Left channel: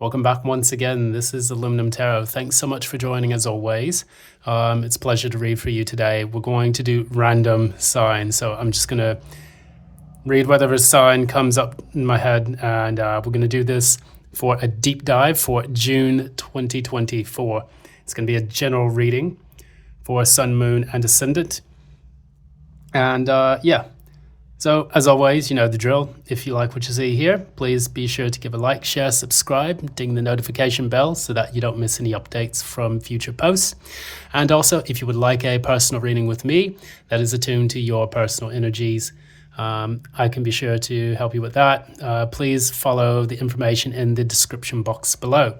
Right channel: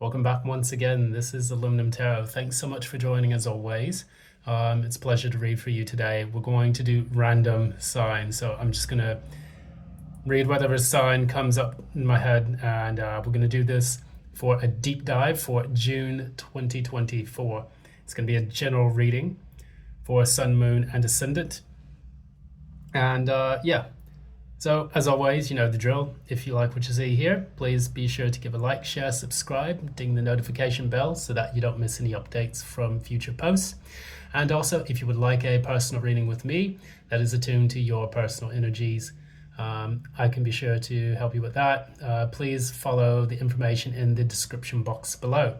Welcome back once again. This is Aluminum Tarot. Thanks so much for joining as always. It's a pleasure to read for you today. We're going to do random signs. So I'm just going to read whatever sign comes up in my head, and we're going to do this for a deep dive for June 2024. It's going to be a general reading for Sun, Moon, and Ascendant. And so as always, you know the drill. If you like what you see here, please be sure to give a like, share, subscribe, ding the notification bell so that you don't miss any updates from future posts. And also, if you would like a personal reading with me that is attuned to your personal energies, I can be sure to help you with that. Please follow the information in the description box below.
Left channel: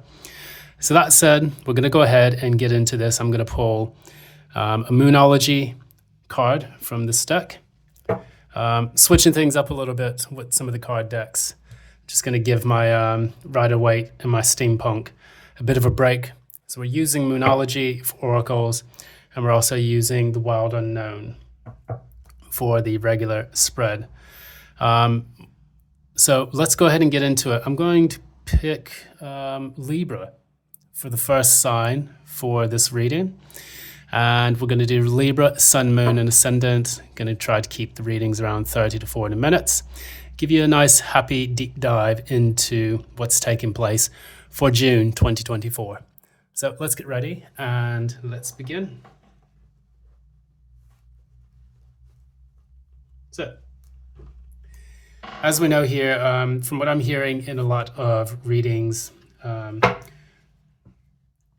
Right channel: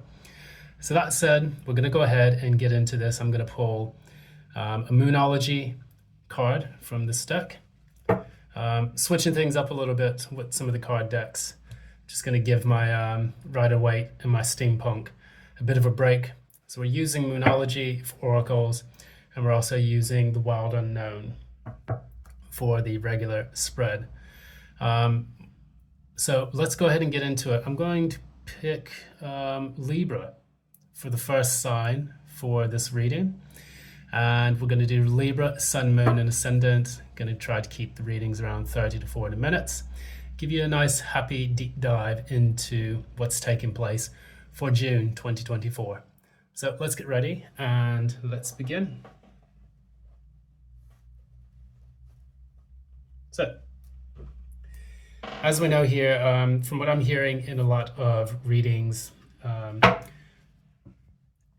So that said, we're going to go ahead and get into this. I'm going to pull a Moonology card from this deck. Switching things up a little bit with some of the card decks. Just going to give my Rider-Waite and my Steampunk a bit of a break. So we're using Moonology for oracles, and we're also using the Wild Unknown for the regular spread. So let's go ahead and get into it. I'm going to pick Libra for the first sign for this reading. And we're going to do Libra, Sun, Moon, and Ascendant. Going to try to keep the readings around 30 to 40 minutes. Give you a nice, happy, deep dive into what's taking place for June 2024. So let's get ready and let's begin. So, as we know here, from what I'm hearing in a lot of readings,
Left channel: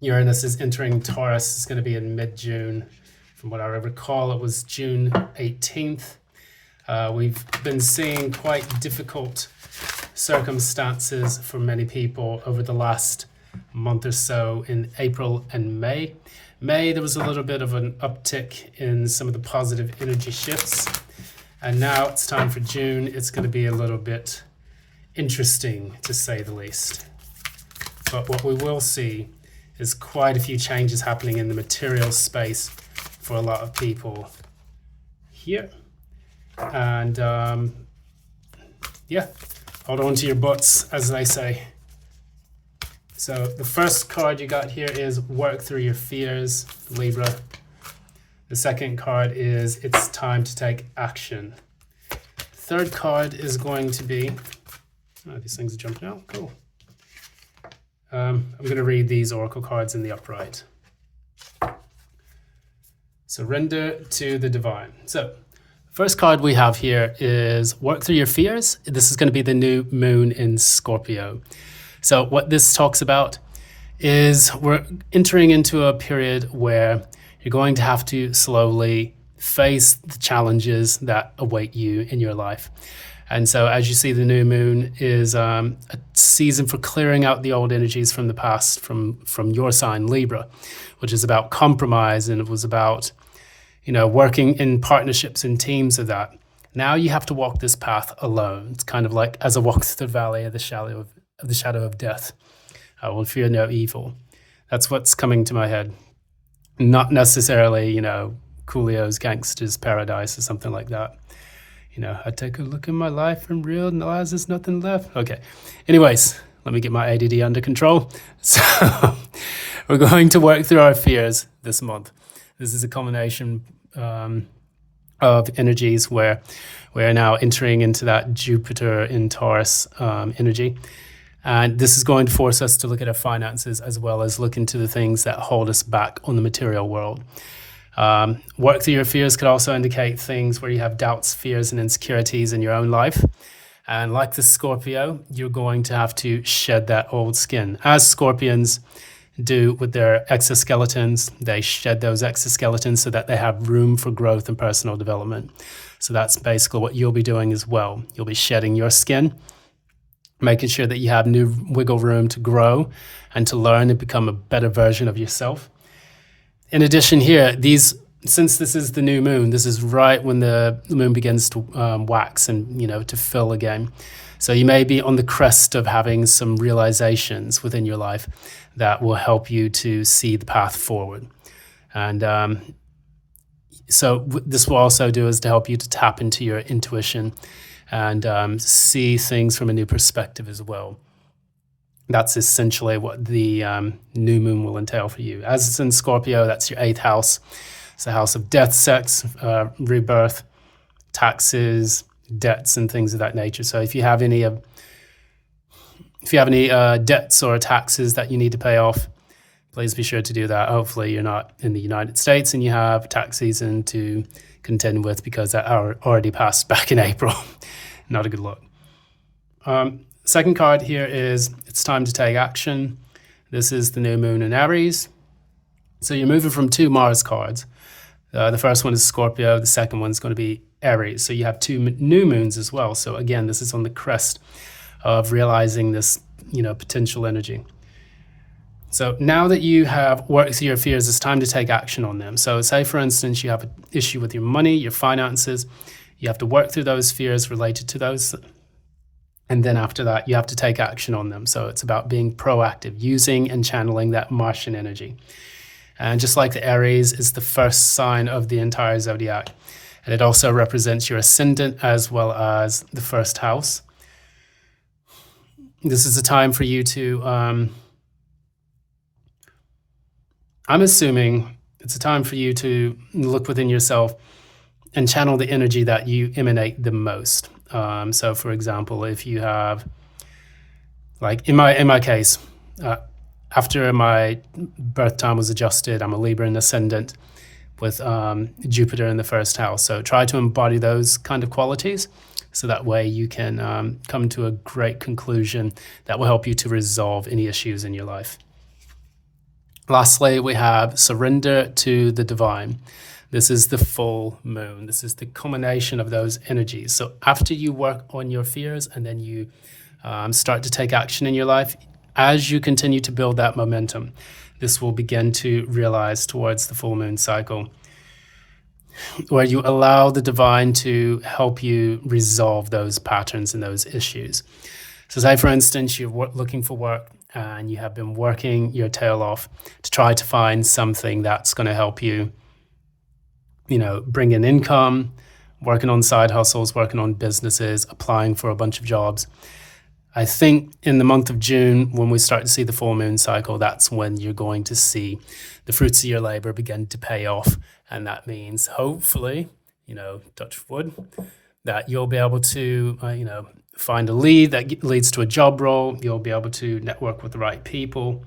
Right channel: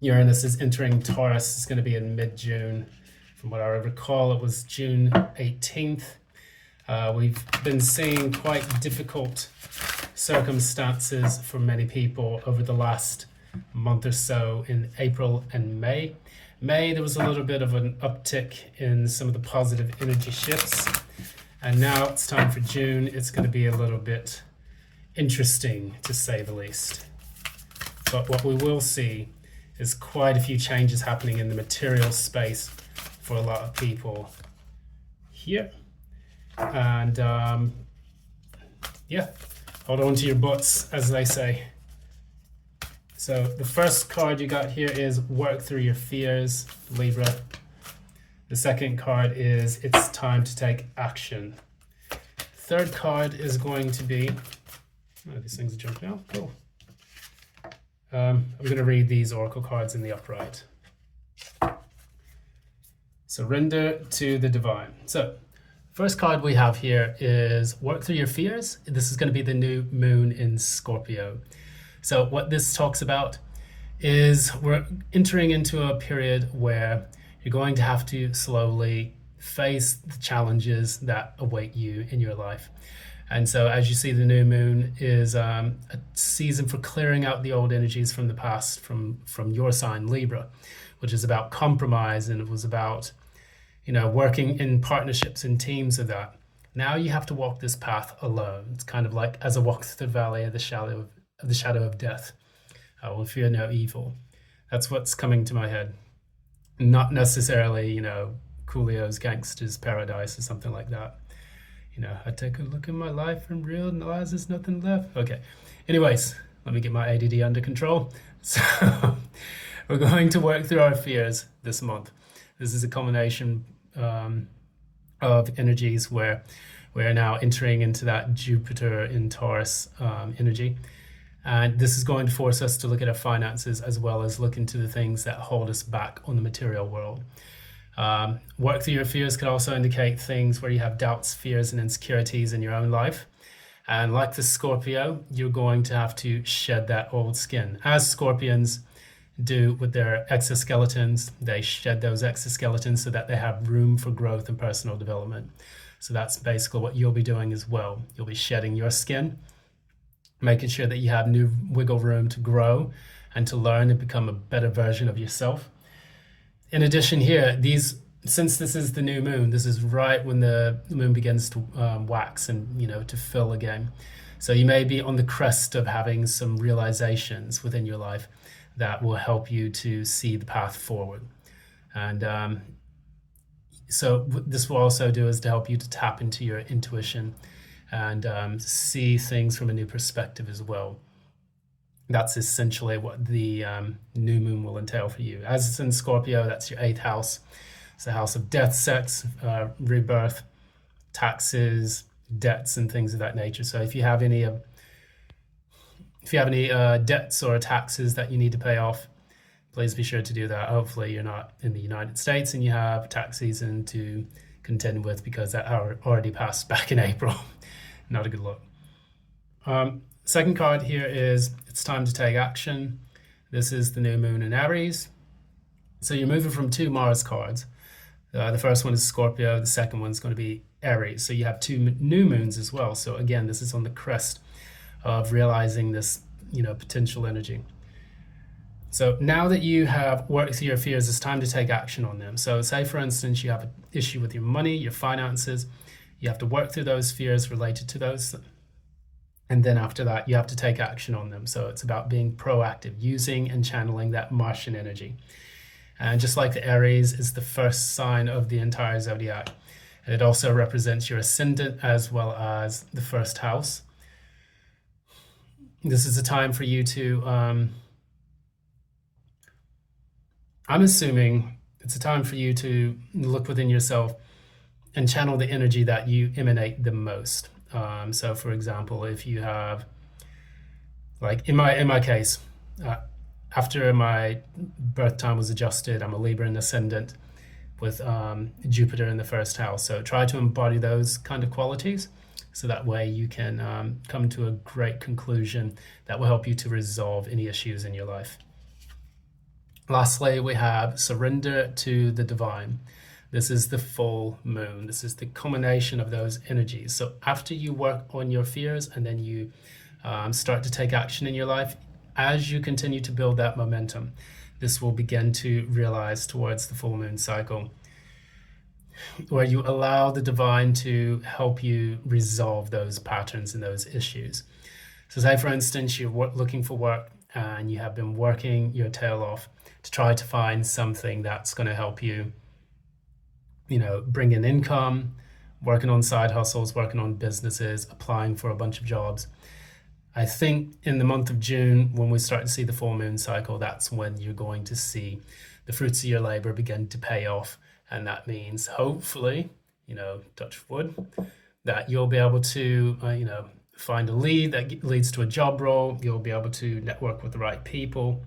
Uranus is entering Taurus. It's going to be in mid-June. From what I recall, it was June 18th. We've been seeing quite difficult circumstances for many people over the last month or so in April and May. May, there was a little bit of an uptick in some of the positive energy shifts. And now it's time for June. It's going to be a little bit interesting, to say the least. But what we will see is quite a few changes happening in the material space for a lot of people here. And hold on to your butts, as they say. So the first card you got here is Work Through Your Fears, Libra. The second card is It's Time to Take Action. Third card is going to be, these things are jumping out, cool. I'm going to read these oracle cards in the upright. Surrender to the divine. So, first card we have here is Work Through Your Fears. This is going to be the new moon in Scorpio. So, what this talks about is we're entering into a period where you're going to have to slowly face the challenges that await you in your life. And so as you see, the new moon is a season for clearing out the old energies from the past, from your sign, Libra, which is about compromise, and it was about, working in partnerships and teams of that. Now you have to walk this path alone. It's kind of like as I walk through the valley of the shadow of death, I will fear no evil. That's what's coming to my head. Not necessarily, Coolio's Gangster's Paradise or something like that. I take a look in my life and realize there's nothing left. Okay. Anyways, let me get my ADD under control. So we're going to work through our fears this month. This is a combination of energies where we're now entering into that Jupiter in Taurus energy. And this is going to force us to look at our finances as well as look into the things that hold us back on the material world. Work through your fears could also indicate things where you have doubts, fears, and insecurities in your own life. And like the Scorpio, you're going to have to shed that old skin. As Scorpions do with their exoskeletons, they shed those exoskeletons so that they have room for growth and personal development. So that's basically what you'll be doing as well. You'll be shedding your skin, making sure that you have new wiggle room to grow and to learn and become a better version of yourself. In addition here, since this is the new moon, this is right when the moon begins to wax and, to fill again. So you may be on the crest of having some realizations within your life that will help you to see the path forward. And so this will also do is to help you to tap into your intuition and see things from a new perspective as well. That's essentially what the new moon will entail for you. As it's in Scorpio, that's your 8th house. It's the house of death, sex, rebirth, taxes, debts, and things of that nature. So if you have any debts or taxes that you need to pay off, please be sure to do that. Hopefully you're not in the United States and you have tax season to contend with, because that already passed back in April. Not a good look. Second card here is it's time to take action. This is the new moon in Aries. So you're moving from 2 Mars cards. The first one is Scorpio. The second one's going to be Aries. So you have 2 new moons as well. So again, this is on the crest of realizing this, potential energy. So now that you have worked through your fears, it's time to take action on them. So say, for instance, you have an issue with your money, your finances. You have to work through those fears related to those. And then after that, you have to take action on them. So it's about being proactive, using and channeling that Martian energy. And just like the Aries is the first sign of the entire zodiac. And it also represents your ascendant as well as the first house. This is a time for you to, I'm assuming it's a time for you to look within yourself and channel the energy that you emanate the most. So for example, if you have, like in my case, after my birth time was adjusted, I'm a Libra in ascendant with Jupiter in the first house. So try to embody those kind of qualities, so that way you can come to a great conclusion that will help you to resolve any issues in your life. Lastly, we have surrender to the divine. This is the full moon. This is the culmination of those energies. So after you work on your fears and then you start to take action in your life, as you continue to build that momentum, this will begin to realize towards the full moon cycle, where you allow the divine to help you resolve those patterns and those issues. So say, for instance, you're looking for work and you have been working your tail off to try to find something that's going to help you, bring in income, working on side hustles, working on businesses, applying for a bunch of jobs. I think in the month of June, when we start to see the full moon cycle, that's when you're going to see the fruits of your labor begin to pay off. And that means hopefully, touch wood, that you'll be able to, find a lead that leads to a job role. You'll be able to network with the right people.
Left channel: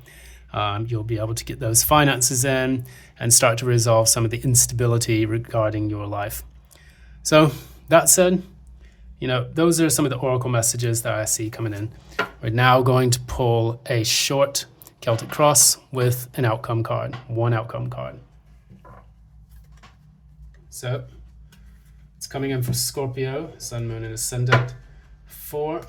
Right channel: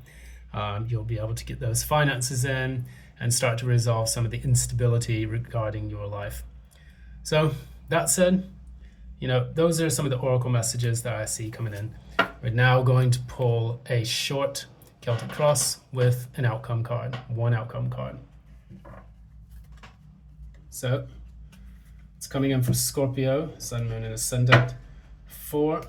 You'll be able to get those finances in and start to resolve some of the instability regarding your life. So that said, those are some of the oracle messages that I see coming in. We're now going to pull a short Celtic cross with an outcome card, one outcome card. So it's coming in for Scorpio, Sun, Moon, and Ascendant for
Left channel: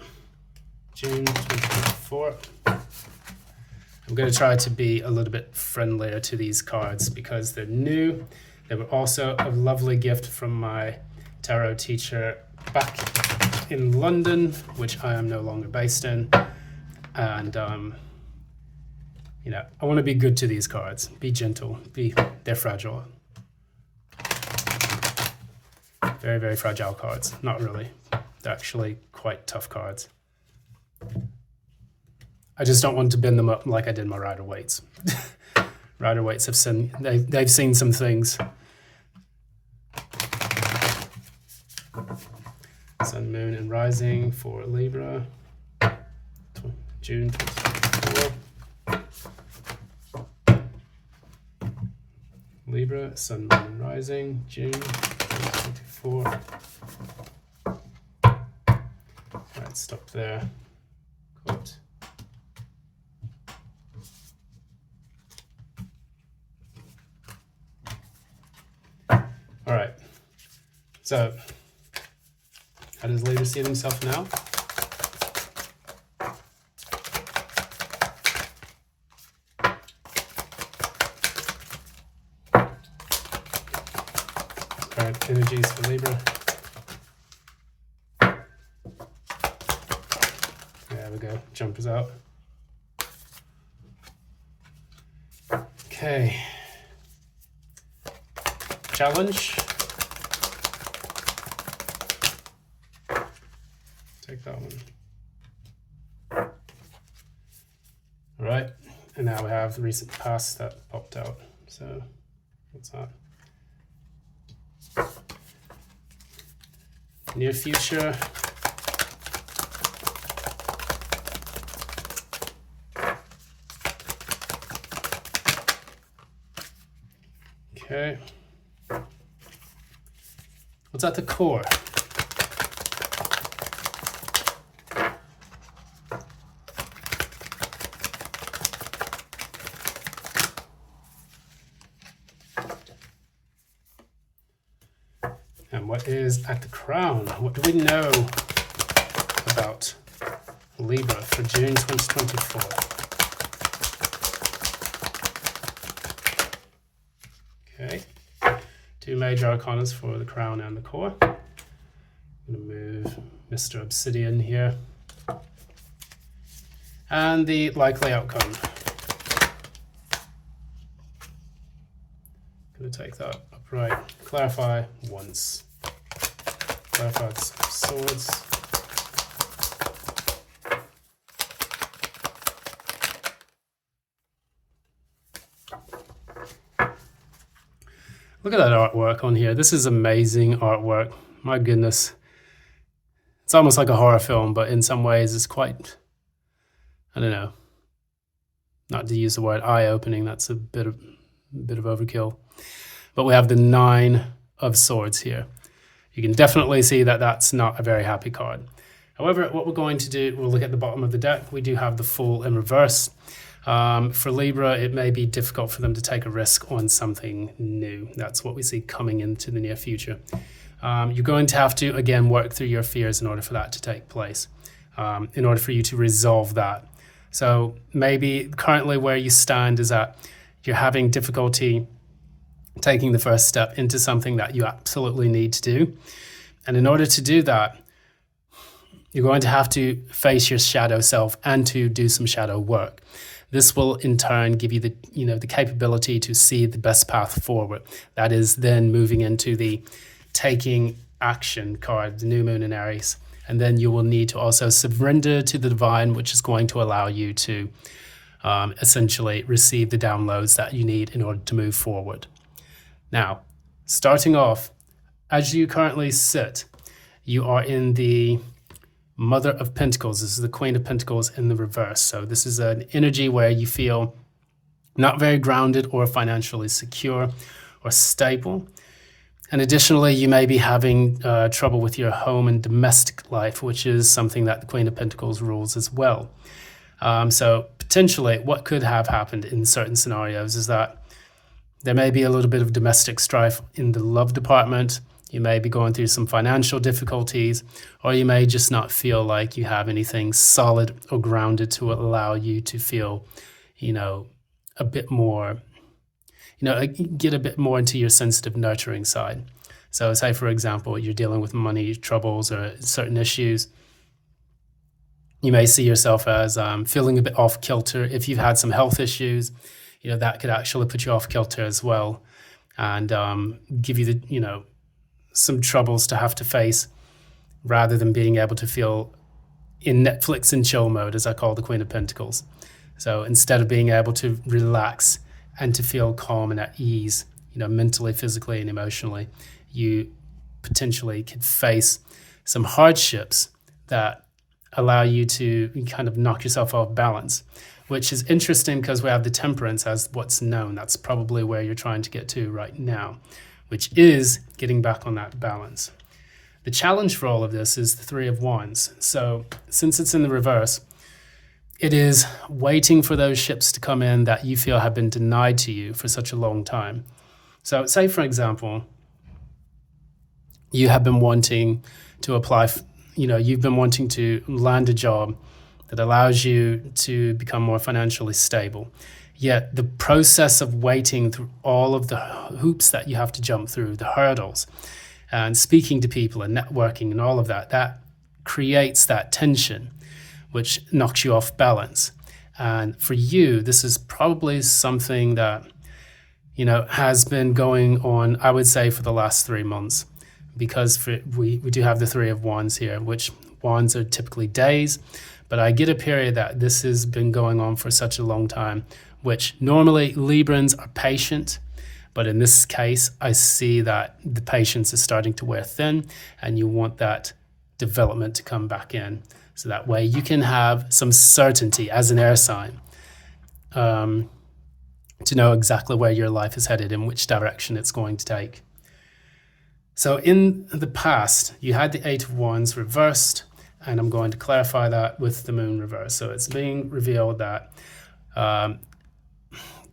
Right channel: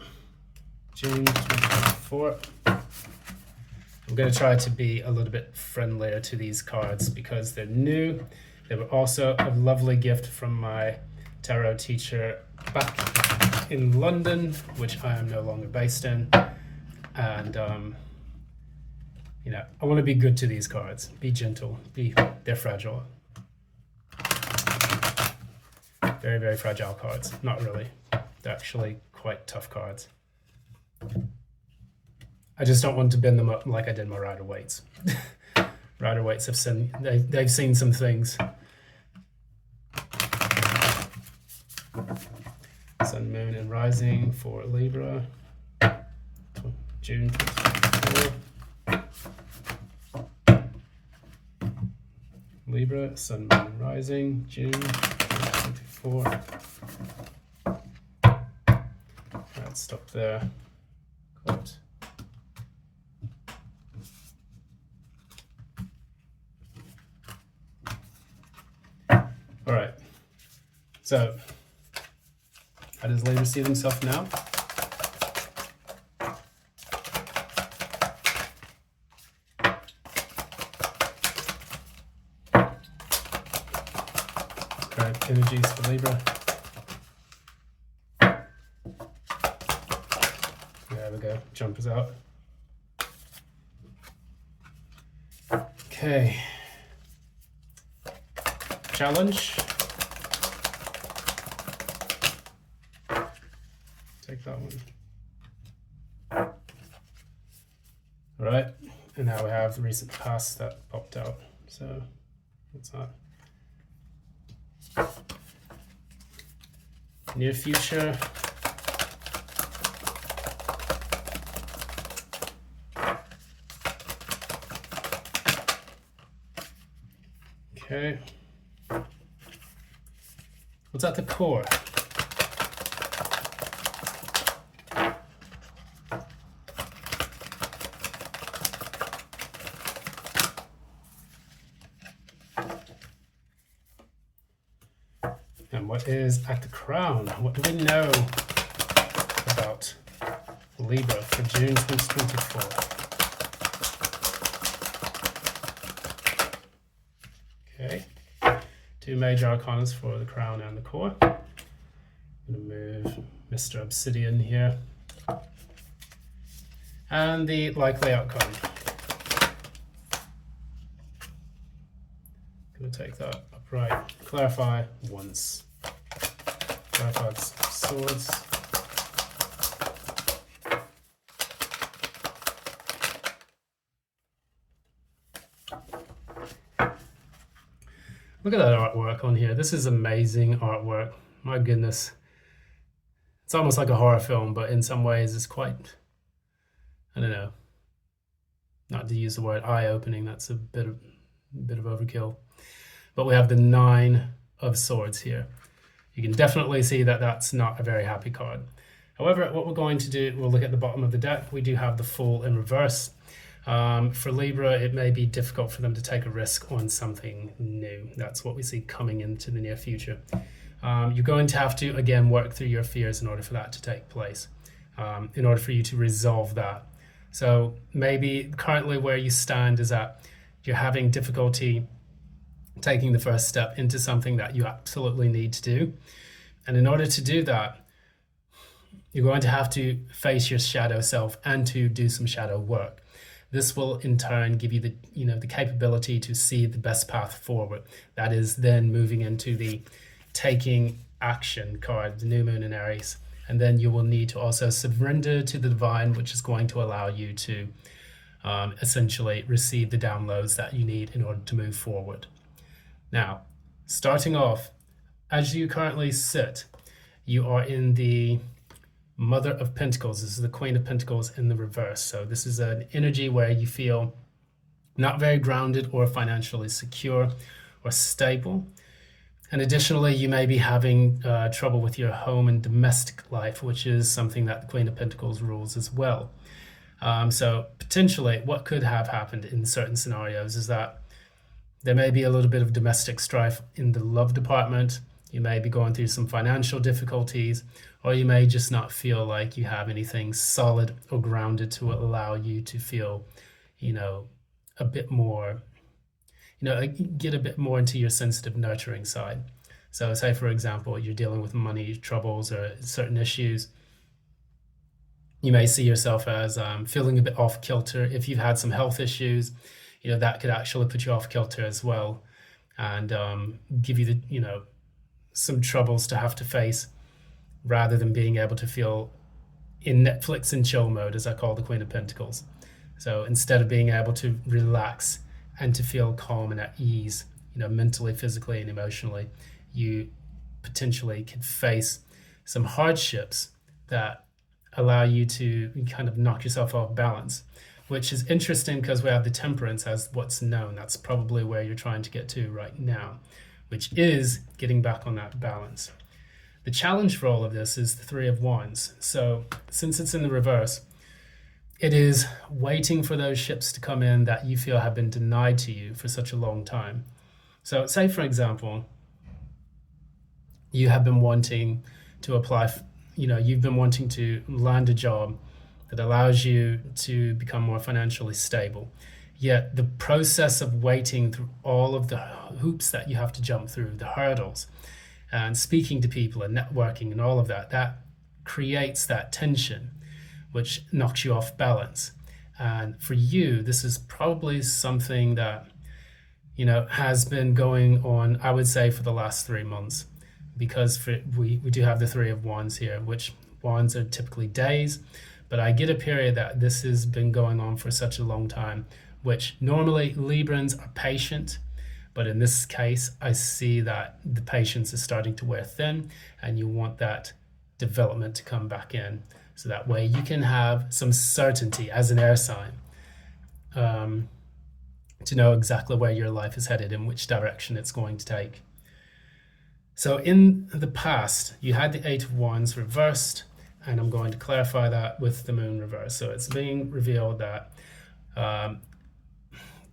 June 2024. I'm going to try to be a little bit friendlier to these cards because they're new. They were also a lovely gift from my tarot teacher back in London, which I am no longer based in. And, I want to be good to these cards. Be gentle. They're fragile. Very, very fragile cards. Not really. They're actually quite tough cards. I just don't want to bend them up like I did my Rider-Waite's. Rider-Waite's they've seen some things. Sun, Moon, and Rising for Libra, June 2024. Libra, Sun, Moon, and Rising, June 2024. Alright, stop there. Quote. Alright, so how does Libra see themselves now? Current energies for Libra. There we go, jumpers out. Okay. Challenge. Take that one. All right, and now we have the recent past that popped out. So what's that? Near future. Okay. What's at the core? And what is at the crown? What do we know about Libra for June 2024? Okay, two major arcanas for the crown and the core. I'm going to move Mr. Obsidian here. And the likely outcome. Going to take that upright. Clarify once. Clarified swords. Look at that artwork on here. This is amazing artwork. My goodness. It's almost like a horror film, but in some ways it's quite, I don't know, not to use the word eye-opening, that's a bit of overkill. But we have the 9 of Swords here. You can definitely see that that's not a very happy card. However, what we're going to do, we'll look at the bottom of the deck. We do have the Fool in reverse. For Libra, it may be difficult for them to take a risk on something new. That's what we see coming into the near future. You're going to have to, again, work through your fears in order for that to take place, in order for you to resolve that. So maybe currently where you stand is that you're having difficulty taking the first step into something that you absolutely need to do. And in order to do that, you're going to have to face your shadow self and to do some shadow work. This will in turn give you the capability to see the best path forward. That is then moving into the taking action card, the new moon in Aries. And then you will need to also surrender to the divine, which is going to allow you to essentially receive the downloads that you need in order to move forward. Now, starting off, as you currently sit, you are in the Mother of Pentacles. This is the Queen of Pentacles in the reverse. So this is an energy where you feel not very grounded or financially secure or stable. And additionally, you may be having trouble with your home and domestic life, which is something that the Queen of Pentacles rules as well. So potentially what could have happened in certain scenarios is that there may be a little bit of domestic strife in the love department. You may be going through some financial difficulties, or you may just not feel like you have anything solid or grounded to allow you to feel, a bit more, get a bit more into your sensitive, nurturing side. So say, for example, you're dealing with money troubles or certain issues. You may see yourself as feeling a bit off kilter. If you've had some health issues, that could actually put you off kilter as well, and give you some troubles to have to face, rather than being able to feel in Netflix and chill mode, as I call the Queen of Pentacles. So instead of being able to relax and to feel calm and at ease, mentally, physically, and emotionally, you potentially could face some hardships that allow you to kind of knock yourself off balance, which is interesting because we have the Temperance as what's known. That's probably where you're trying to get to right now, which is getting back on that balance. The challenge for all of this is the Three of Wands. So since it's in the reverse, it is waiting for those ships to come in that you feel have been denied to you for such a long time. So say, for example, you have been wanting to apply, you've been wanting to land a job that allows you to become more financially stable. Yet the process of waiting through all of the hoops that you have to jump through, the hurdles, and speaking to people and networking and all of that, that creates that tension, which knocks you off balance. And for you, this is probably something that, has been going on, I would say, for the last 3 months, because we do have the Three of Wands here, which wands are typically days, But I get a period that this has been going on for such a long time, which normally Librans are patient, but in this case, I see that the patience is starting to wear thin, and you want that development to come back in. So that way you can have some certainty as an air sign, to know exactly where your life is headed and which direction it's going to take. So in the past, you had the Eight of Wands reversed, and I'm going to clarify that with the moon reversed. So it's being revealed that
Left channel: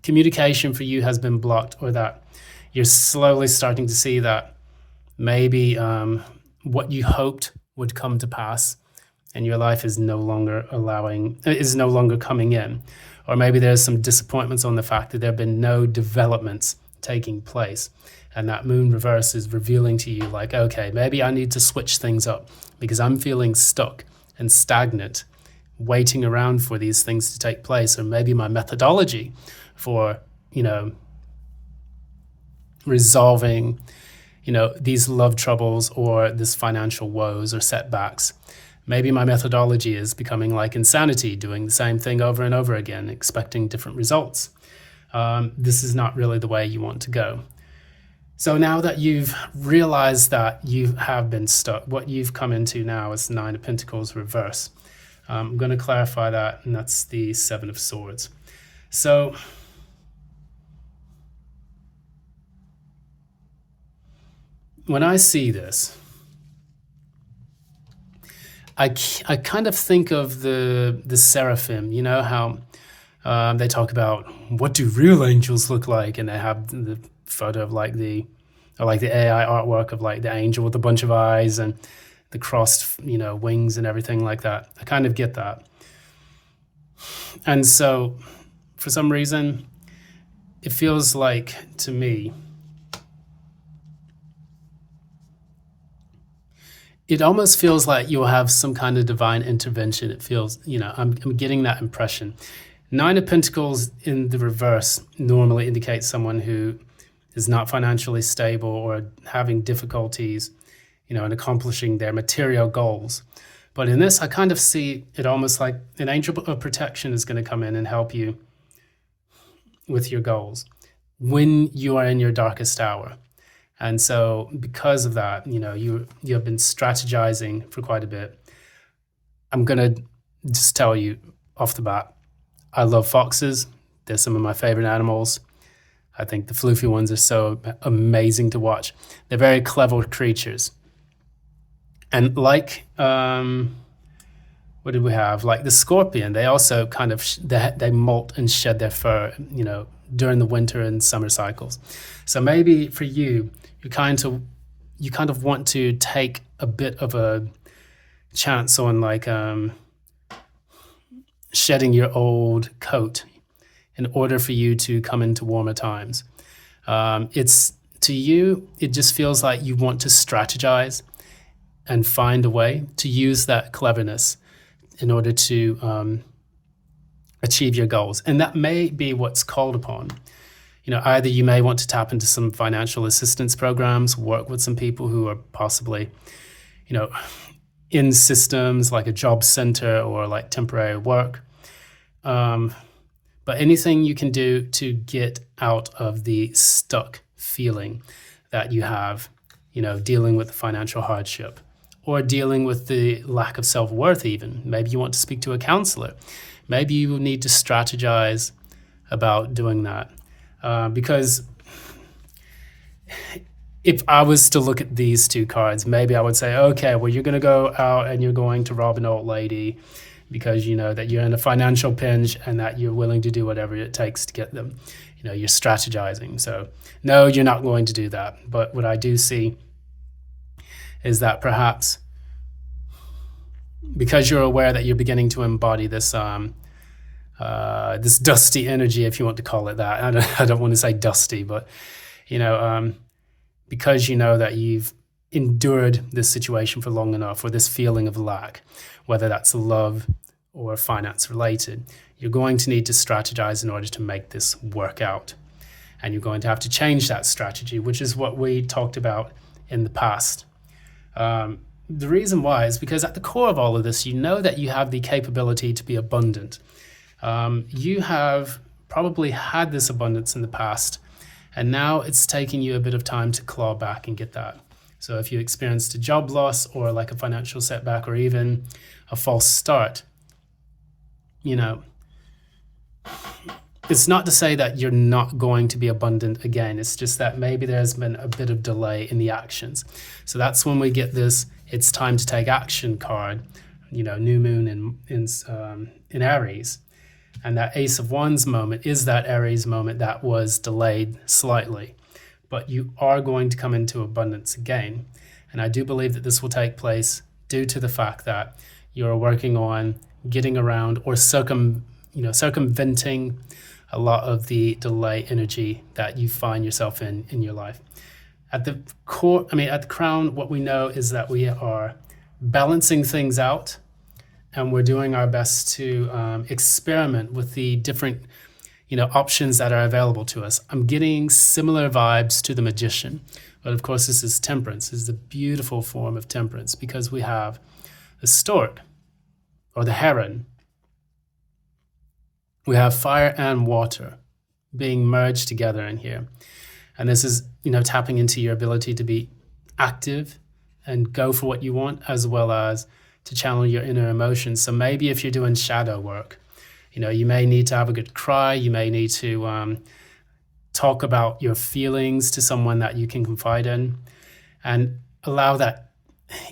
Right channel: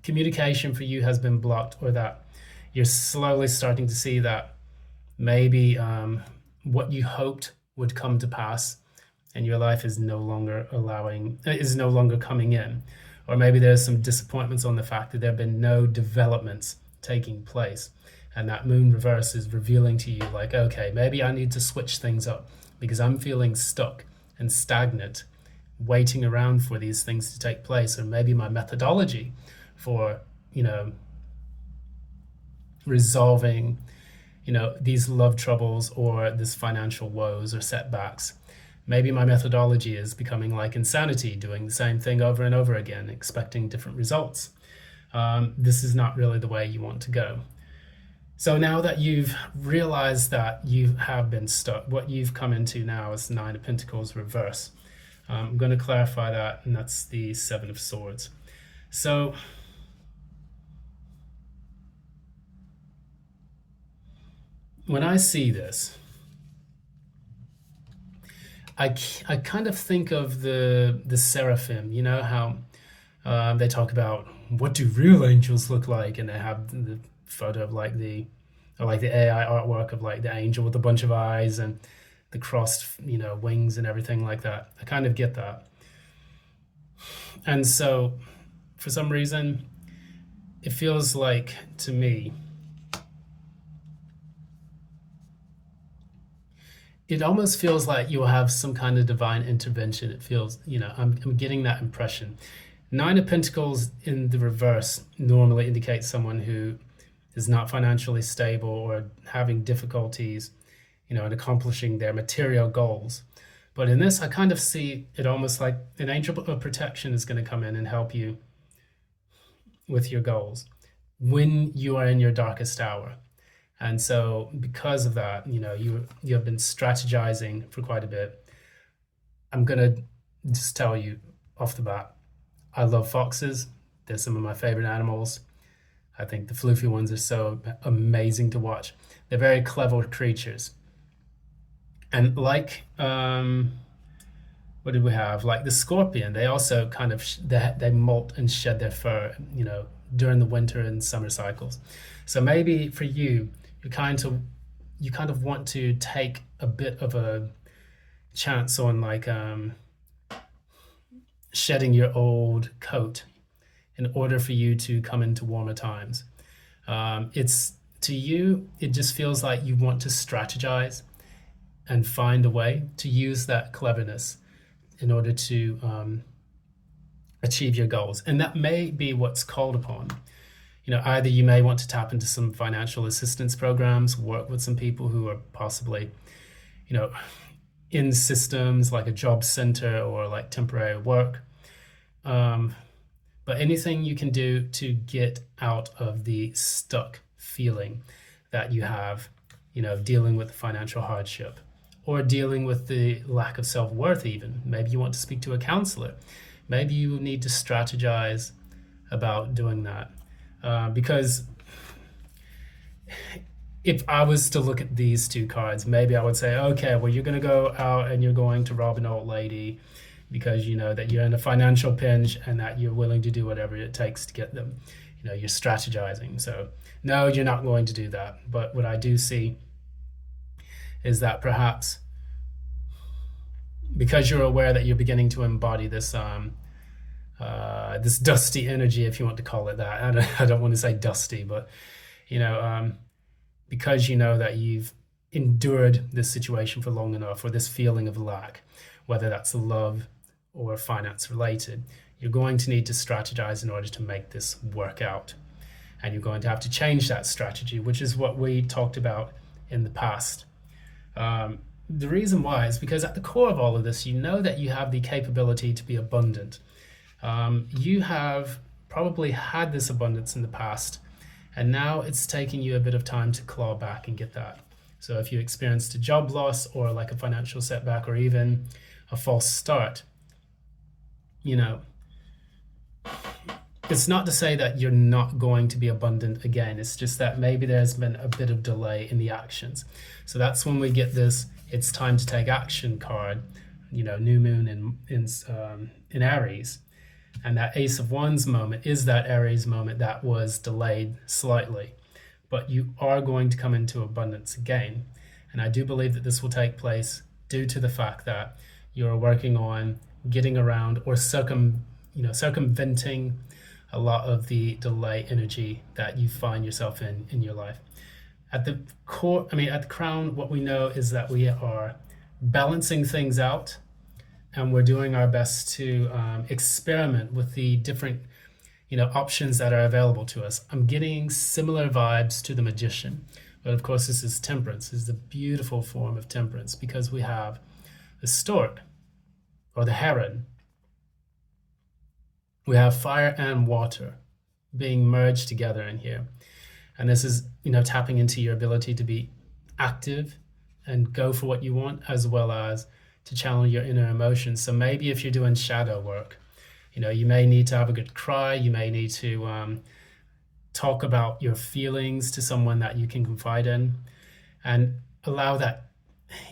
communication for you has been blocked, or that you're slowly starting to see that maybe what you hoped would come to pass and your life is no longer coming in. Or maybe there's some disappointments on the fact that there have been no developments taking place. And that moon reverse is revealing to you like, okay, maybe I need to switch things up because I'm feeling stuck and stagnant, waiting around for these things to take place. Or maybe my methodology for, resolving, these love troubles or this financial woes or setbacks. Maybe my methodology is becoming like insanity, doing the same thing over and over again, expecting different results. This is not really the way you want to go. So now that you've realized that you have been stuck, what you've come into now is Nine of Pentacles reverse. I'm going to clarify that, and that's the Seven of Swords. So when I see this, I kind of think of the seraphim, how they talk about what do real angels look like, and they have the photo of like the AI artwork of like the angel with a bunch of eyes and the crossed wings and everything like that. I kind of get that. And so for some reason it feels like to me it almost feels like you'll have some kind of divine intervention. It feels, I'm getting that impression. Nine of Pentacles in the reverse normally indicates someone who is not financially stable or having difficulties, in accomplishing their material goals. But in this, I kind of see it almost like an angel of protection is going to come in and help you with your goals when you are in your darkest hour. And so because of that, you have been strategizing for quite a bit. I'm going to just tell you off the bat, I love foxes. They're some of my favorite animals. I think the floofy ones are so amazing to watch. They're very clever creatures. And like, what did we have? Like the scorpion, they also kind of, they molt and shed their fur, during the winter and summer cycles. So maybe for you, you kind of want to take a bit of a chance on like shedding your old coat in order for you to come into warmer times. It's to you, it just feels like you want to strategize and find a way to use that cleverness in order to achieve your goals. And that may be what's called upon. Either you may want to tap into some financial assistance programs, work with some people who are possibly, in systems like a job center or like temporary work. But anything you can do to get out of the stuck feeling that you have, dealing with the financial hardship or dealing with the lack of self-worth even. Maybe you want to speak to a counselor. Maybe you need to strategize about doing that. Because if I was to look at these two cards, maybe I would say, okay, well, you're going to go out and you're going to rob an old lady because you know that you're in a financial pinch and that you're willing to do whatever it takes to get them. You're strategizing. So no, you're not going to do that. But what I do see is that perhaps because you're aware that you're beginning to embody this this dusty energy, if you want to call it that. I don't want to say dusty, but because you know that you've endured this situation for long enough, or this feeling of lack, whether that's love or finance related, you're going to need to strategize in order to make this work out. And you're going to have to change that strategy, which is what we talked about in the past. the reason why is because at the core of all of this, you know that you have the capability to be abundant. You have probably had this abundance in the past, and now it's taking you a bit of time to claw back and get that. So if you experienced a job loss or like a financial setback or even a false start, you know, it's not to say that you're not going to be abundant again. It's just that maybe there's been a bit of delay in the actions. So that's when we get this "it's time to take action" card, new moon in Aries. And that Ace of Wands moment is that Aries moment that was delayed slightly. But you are going to come into abundance again. And I do believe that this will take place due to the fact that you're working on getting around or circumventing a lot of the delay energy that you find yourself in your life. At the core, at the crown, what we know is that we are balancing things out, and we're doing our best to experiment with the different options that are available to us. I'm getting similar vibes to the Magician, but of course this is temperance. This is a beautiful form of temperance because we have the stork or the heron. We have fire and water being merged together in here. And this is, tapping into your ability to be active and go for what you want, as well as to channel your inner emotions. So maybe if you're doing shadow work, you may need to have a good cry. You may need to talk about your feelings to someone that you can confide in and allow that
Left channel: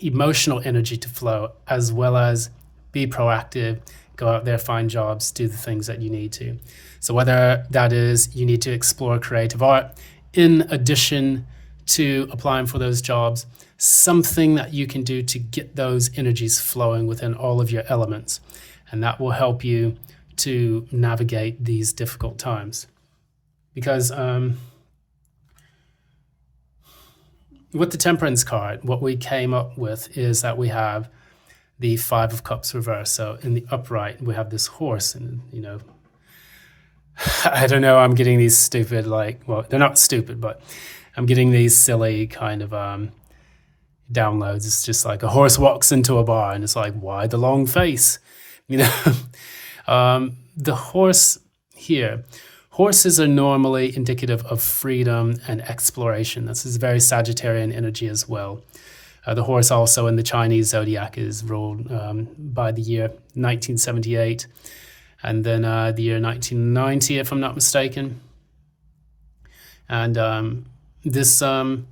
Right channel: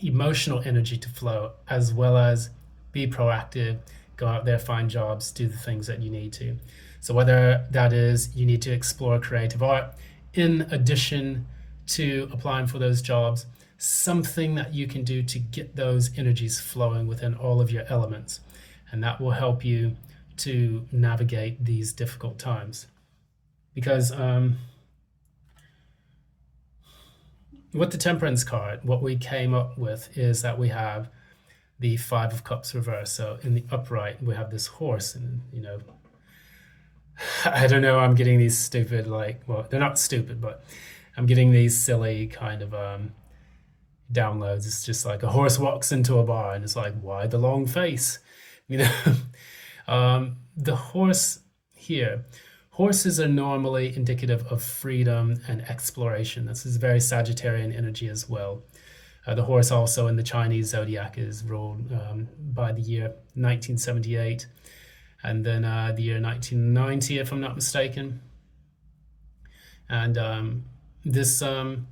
emotional energy to flow, as well as be proactive, go out there, find jobs, do the things that you need to. So whether that is you need to explore creative art in addition to applying for those jobs, something that you can do to get those energies flowing within all of your elements. And that will help you to navigate these difficult times. Because with the Temperance card, what we came up with is that we have the Five of Cups reversed. So in the upright, we have this horse, and I don't know, I'm getting these stupid, they're not stupid, but I'm getting these silly kind of downloads. It's just like a horse walks into a bar and it's like, why the long face? The horse here, horses are normally indicative of freedom and exploration. This is very Sagittarian energy as well. The horse also in the Chinese zodiac is ruled by the year 1978 and then the year 1990, if I'm not mistaken. And these are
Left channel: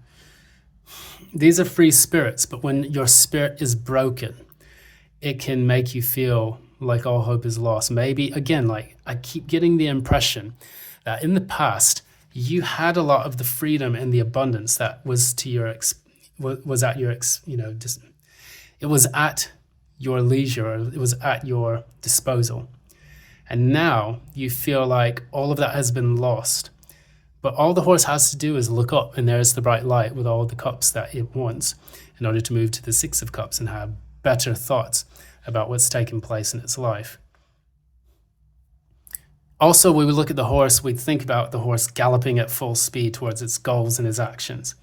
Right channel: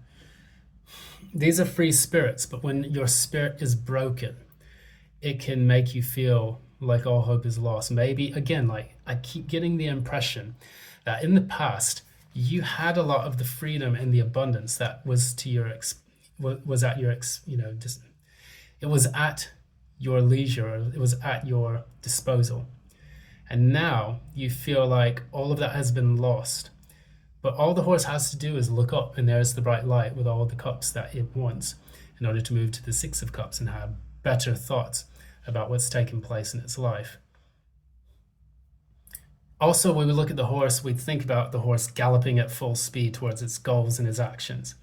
free spirits, but when your spirit is broken, it can make you feel like all hope is lost. Maybe, again, I keep getting the impression that in the past, you had a lot of the freedom and the abundance that was to your it was at your leisure, or it was at your disposal. And now you feel like all of that has been lost. But all the horse has to do is look up, and there's the bright light with all the cups that it wants in order to move to the Six of Cups and have better thoughts about what's taking place in its life. Also, when we look at the horse, we think about the horse galloping at full speed towards its goals and its actions.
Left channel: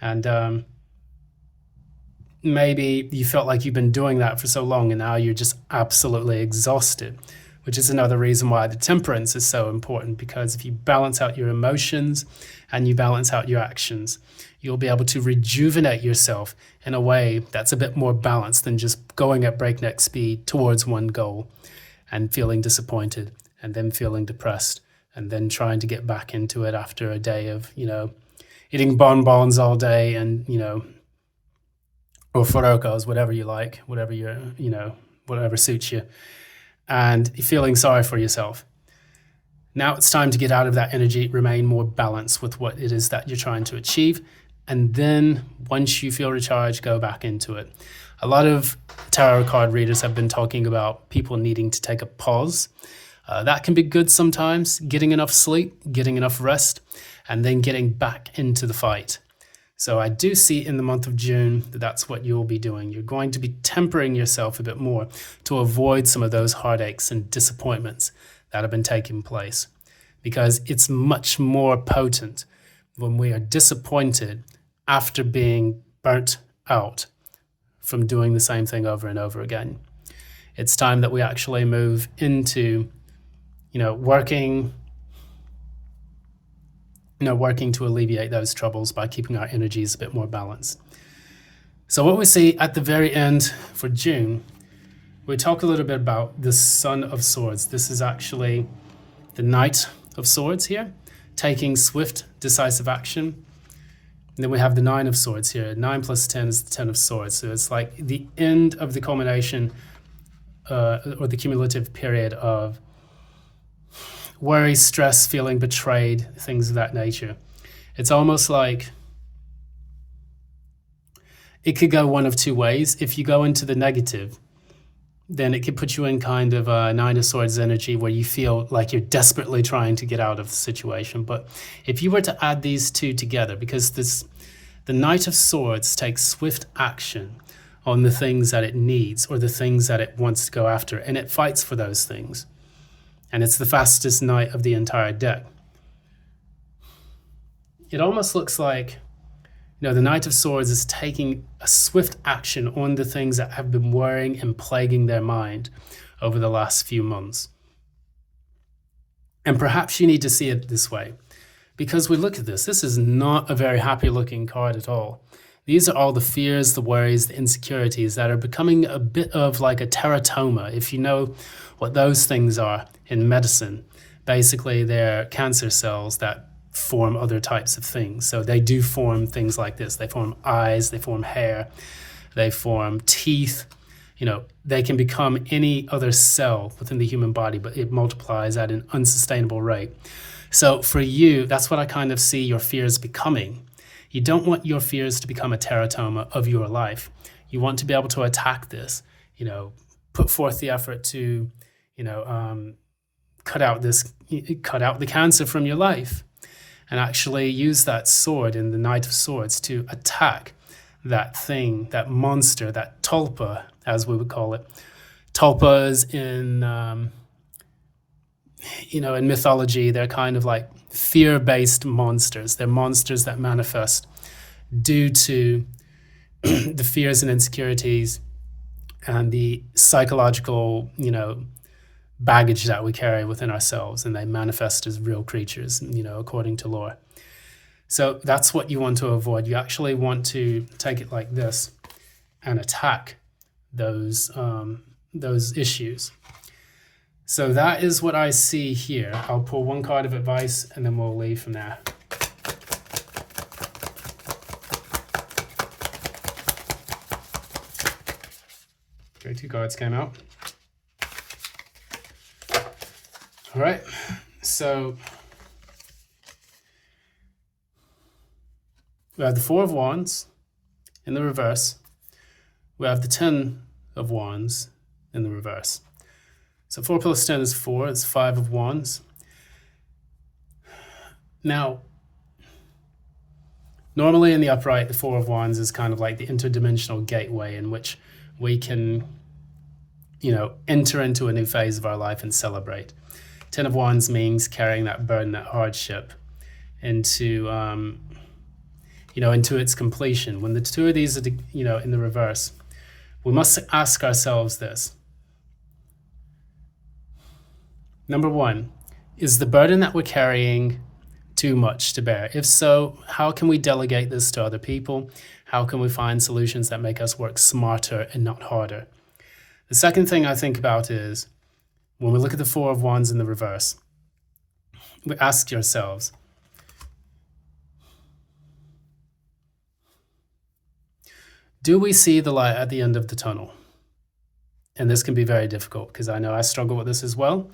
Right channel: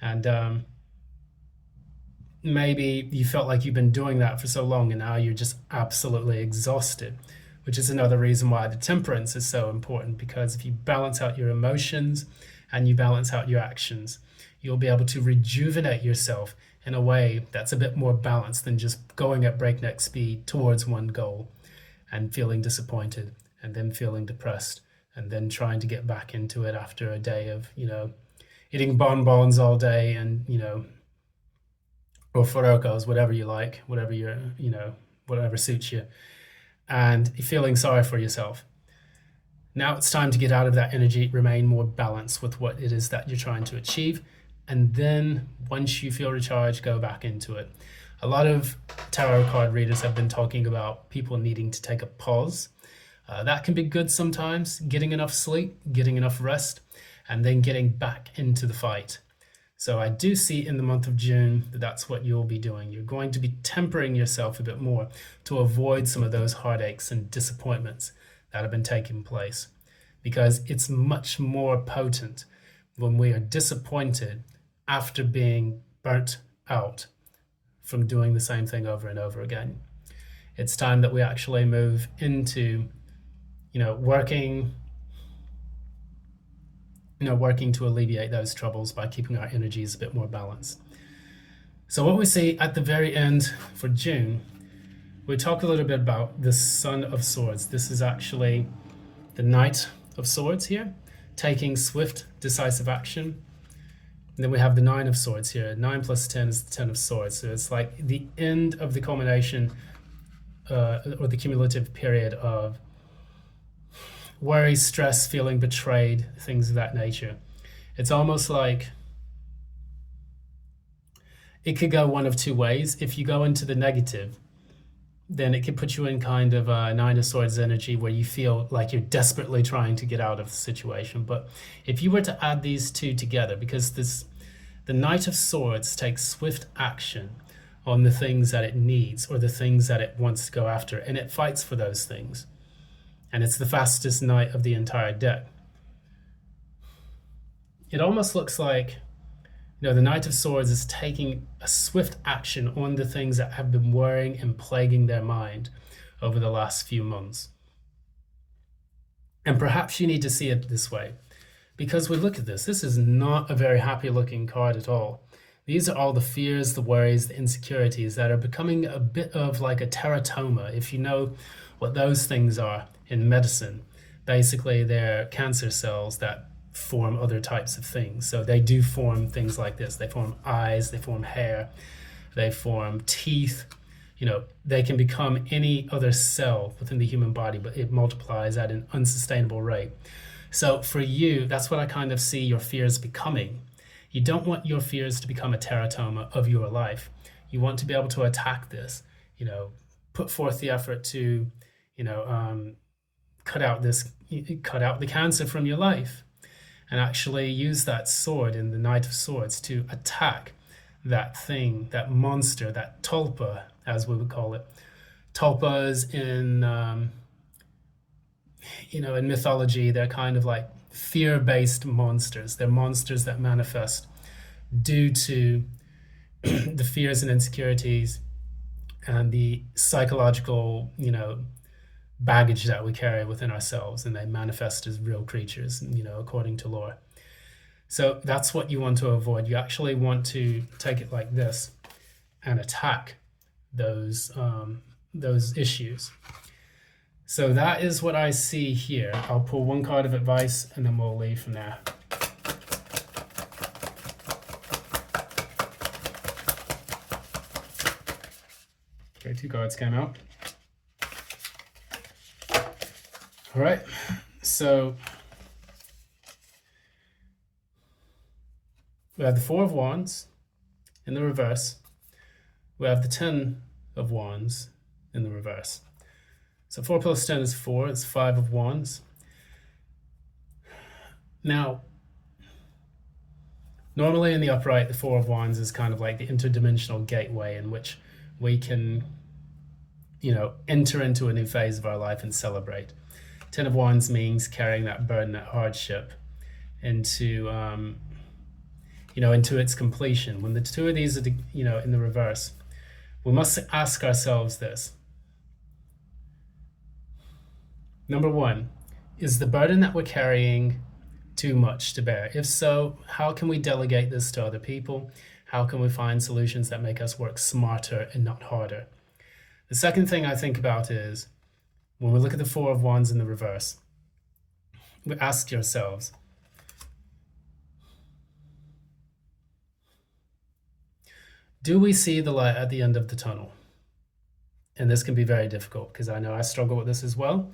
And maybe you felt like you've been doing that for so long, and now you're just absolutely exhausted, which is another reason why the temperance is so important, because if you balance out your emotions and you balance out your actions, you'll be able to rejuvenate yourself in a way that's a bit more balanced than just going at breakneck speed towards one goal and feeling disappointed and then feeling depressed and then trying to get back into it after a day of, eating bonbons all day and, or forocos, whatever you like, whatever you're, whatever suits you, and feeling sorry for yourself. Now it's time to get out of that energy, remain more balanced with what it is that you're trying to achieve. And then once you feel recharged, go back into it. A lot of tarot card readers have been talking about people needing to take a pause. That can be good sometimes, getting enough sleep, getting enough rest, and then getting back into the fight. So I do see in the month of June that that's what you'll be doing. You're going to be tempering yourself a bit more to avoid some of those heartaches and disappointments that have been taking place, because it's much more potent when we are disappointed after being burnt out from doing the same thing over and over again. It's time that we actually move into, working to alleviate those troubles by keeping our energies a bit more balanced. So what we see at the very end for June, we talk a little bit about the Son of Swords. This is actually the Knight of Swords here, taking swift, decisive action. And then we have the Nine of Swords here. 9 plus 10 is the 10 of Swords. So it's like the end of the culmination or the cumulative period of worry, stress, feeling betrayed, things of that nature. It's almost like it could go one of two ways. If you go into the negative, then it could put you in kind of a Nine of Swords energy where you feel like you're desperately trying to get out of the situation. But if you were to add these two together, because the Knight of Swords takes swift action on the things that it needs or the things that it wants to go after, and it fights for those things. And it's the fastest knight of the entire deck. It almost looks like, the Knight of Swords is taking a swift action on the things that have been worrying and plaguing their mind over the last few months. And perhaps you need to see it this way, because we look at this is not a very happy looking card at all. These are all the fears, the worries, the insecurities that are becoming a bit of like a teratoma. If you know what those things are in medicine, basically they're cancer cells that form other types of things. So they do form things like this. They form eyes, they form hair, they form teeth. They can become any other cell within the human body, but it multiplies at an unsustainable rate. So for you, that's what I kind of see your fears becoming. You don't want your fears to become a teratoma of your life. You want to be able to attack this, put forth the effort to, cut out the cancer from your life, and actually use that sword in the Knight of Swords to attack that thing, that monster, that tulpa, as we would call it. Tulpas in mythology, they're kind of like fear-based monsters. They're monsters that manifest due to the fears and insecurities and the psychological, baggage that we carry within ourselves, and they manifest as real creatures, according to lore. So that's what you want to avoid. You actually want to take it like this and attack those issues. So that is what I see here. I'll pull one card of advice and then we'll leave from there. Okay, 2 cards came out. All right, so we have the 4 of Wands in the reverse. We have the 10 of Wands in the reverse. So 4 plus 10 is 4, it's 5 of Wands. Now, normally in the upright, the 4 of Wands is kind of like the interdimensional gateway in which we can, enter into a new phase of our life and celebrate. 10 of Wands means carrying that burden, that hardship into, into its completion. When the 2 of these are, in the reverse, we must ask ourselves this. Number 1, is the burden that we're carrying too much to bear? If so, how can we delegate this to other people? How can we find solutions that make us work smarter and not harder? The second thing I think about is, when we look at the 4 of Wands in the reverse, we ask yourselves, do we see the light at the end of the tunnel? And this can be very difficult because I know I struggle with this as well.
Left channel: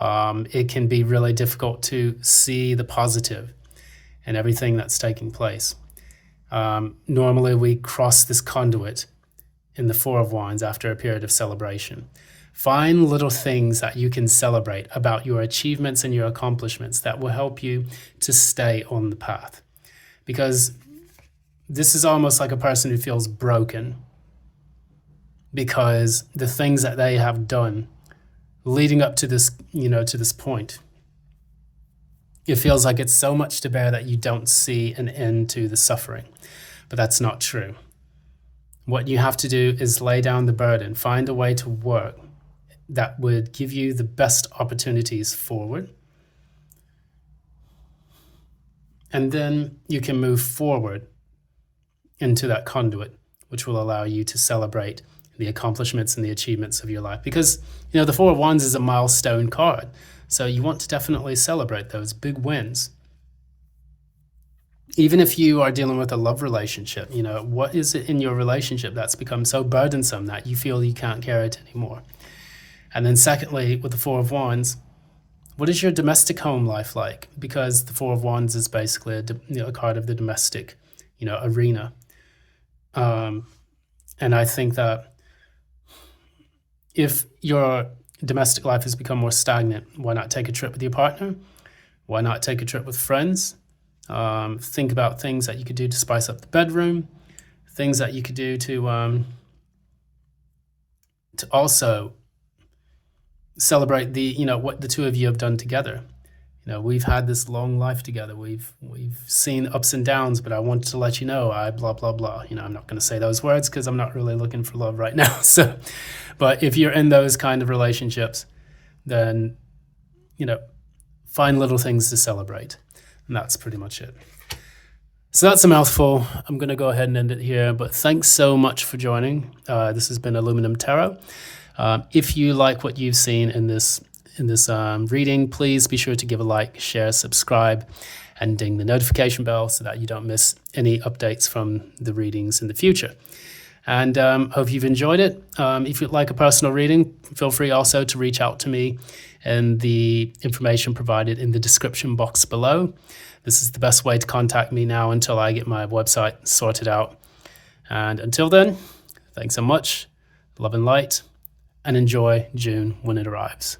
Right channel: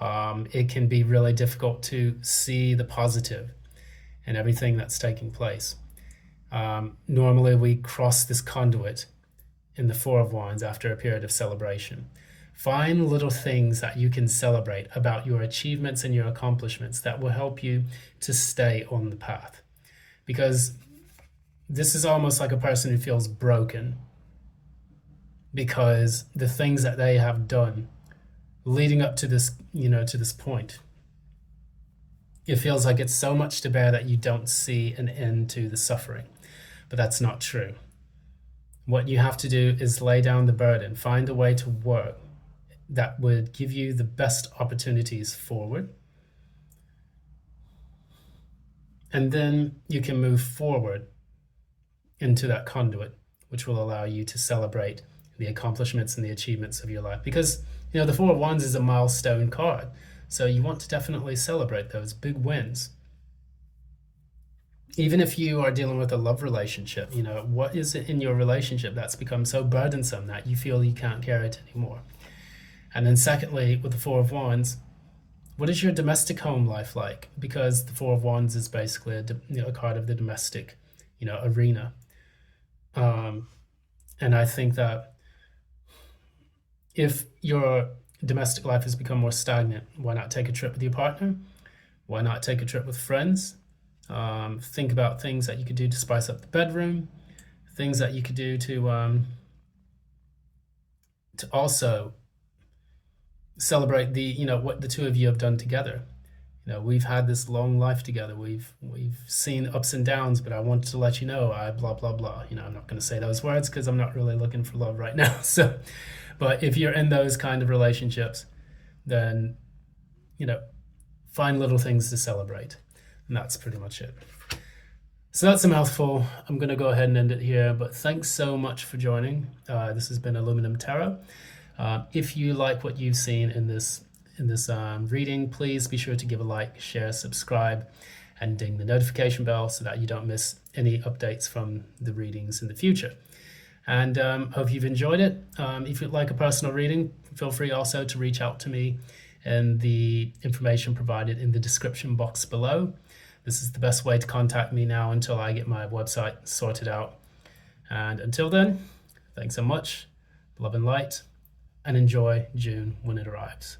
It can be really difficult to see the positive in everything that's taking place. Normally we cross this conduit in the 4 of Wands after a period of celebration. Find little things that you can celebrate about your achievements and your accomplishments that will help you to stay on the path. Because this is almost like a person who feels broken because the things that they have done leading up to this, to this point, it feels like it's so much to bear that you don't see an end to the suffering. But that's not true. What you have to do is lay down the burden, find a way to work that would give you the best opportunities forward. And then you can move forward into that conduit, which will allow you to celebrate the accomplishments and the achievements of your life. Because, the Four of Wands is a milestone card. So you want to definitely celebrate those big wins. Even if you are dealing with a love relationship, what is it in your relationship that's become so burdensome that you feel you can't carry it anymore? And then secondly, with the Four of Wands, what is your domestic home life like? Because the Four of Wands is basically a card of the domestic, arena. And I think that if your domestic life has become more stagnant, why not take a trip with your partner? Why not take a trip with friends? Think about things that you could do to spice up the bedroom, things that you could do to also celebrate what the two of you have done together. We've had this long life together. We've seen ups and downs, but I wanted to let you know I blah, blah, blah. I'm not going to say those words because I'm not really looking for love right now. So, but if you're in those kind of relationships, then, find little things to celebrate. And that's pretty much it. So that's a mouthful. I'm going to go ahead and end it here. But thanks so much for joining. This has been Aluminum Tarot. If you like what you've seen in this reading, please be sure to give a like, share, subscribe, and ding the notification bell so that you don't miss any updates from the readings in the future. And hope you've enjoyed it. If you'd like a personal reading, feel free also to reach out to me and the information provided in the description box below. This is the best way to contact me now until I get my website sorted out. And until then, thanks so much, love and light, and enjoy June when it arrives.